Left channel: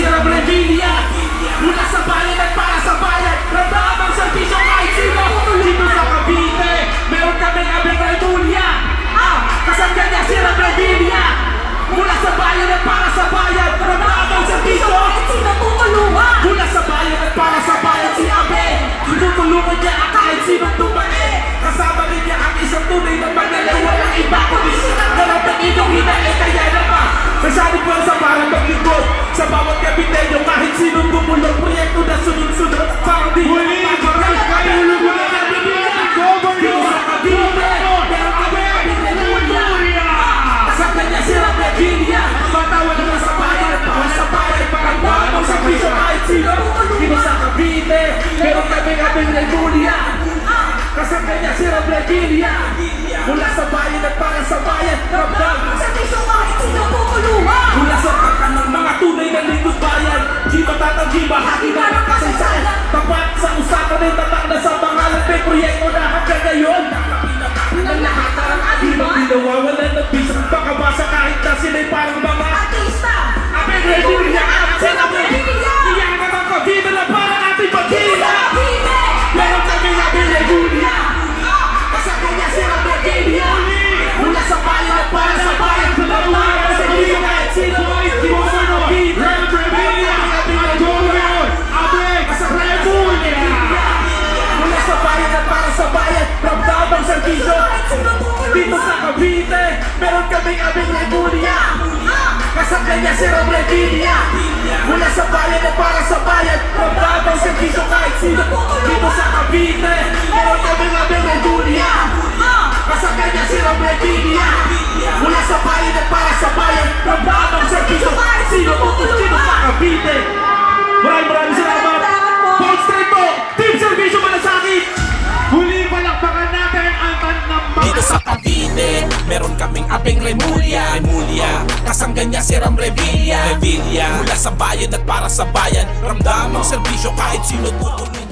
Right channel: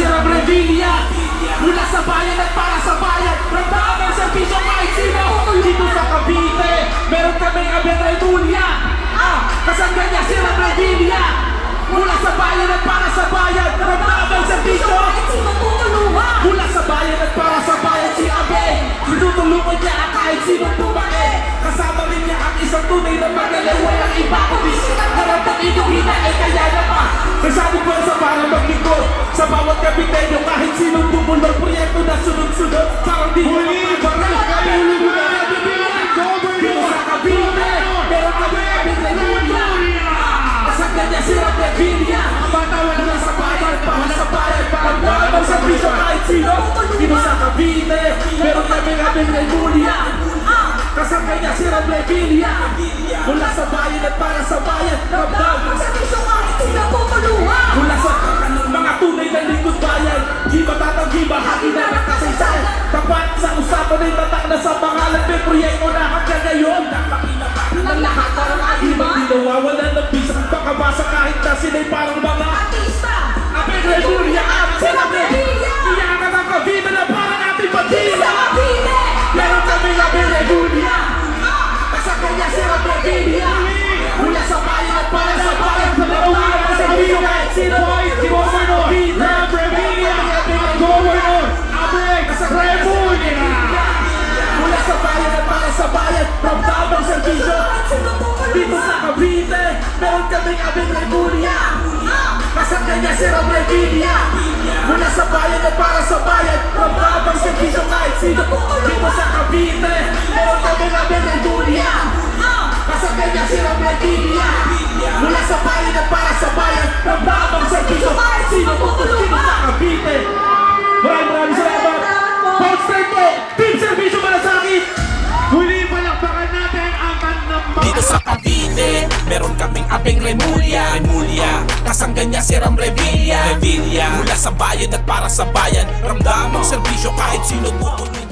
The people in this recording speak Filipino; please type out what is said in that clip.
Sirang Revilla, mula sa bayan at para sa bayan, ramdam ang serbisyo kahit sino. Dito sa Cavite, meron kaming Abing Remulla. Kasangga niya Sirang Revilla, mula sa bayan at para sa bayan, ramdam ang serbisyo kahit sino tumulungan. Mula sa bayan at para sa bayan si Abing, tinutulungan niya kahit sino tumae. Kasama rin niya ang isang tunay na magaling, walang iba kundi harap ng inyong hinae. Kaya naman nasabog lang sa parang maglingkod sa bawat kapitero, kahit sinong bumulong proyekto na sunod-sunod. Parang di huli, parang katulog na nabibilang dito sa Cavite, meron kami Abing Remulla. Kasangga niya Sirang Revilla, patawa na sa bayan, para sa bayan, parang babang sa piso kahit sino. Dito sa Cavite, meron kami Abing Remulla. Kasangga niya Sirang Revilla, mula sa bayan at para sa bayan, ramdam ang serbisyo kahit sino tumulungan. Mula sa kakan ng mga tunay na lingkod bayan, di matatanggi bahagi na ng kasaysayan. Tapat sa usapan ay tatak na sa pangalan, may proyekto na hanggang ngayon. Nakapinabahan ng lahat parang aliman, di nawawalan ng bisang pakabasa kahit na sila'y parang mga artista. Abing Remulla at Sirang Revilla, iyakan ang Cavite na parang ating pagkila. Meron kami Abing Remulla, kasangga niya Sirang Revilla, mula sa bayan at para sa bayan, ramdam ang serbisyo kahit sino. Mula sa bayan at para sa bayan, ramdam ang serbisyo. Dito sa Cavite, meron kaming Abing Remulla, kasangga niya Sirang Revilla, mula sa bayan at para sa bayan, ramdam ang serbisyo kahit sino. Dito sa Cavite, meron kaming Abing Remulla, kasangga niya Sirang Revilla, mula sa bayan at para sa bayan, ramdam ang serbisyo kahit sino. Dito sa Cavite. Maraming salamat. Bounce tayo po, Team Serbisyo Malasakit. Huli palakpakan natin ang kanyang. Dito sa Cavite, meron kaming Abing Remulla, kasangga niya Sirang Revilla, mula sa bayan at para sa bayan, ramdam ang serbisyo kahit sino tutulungan.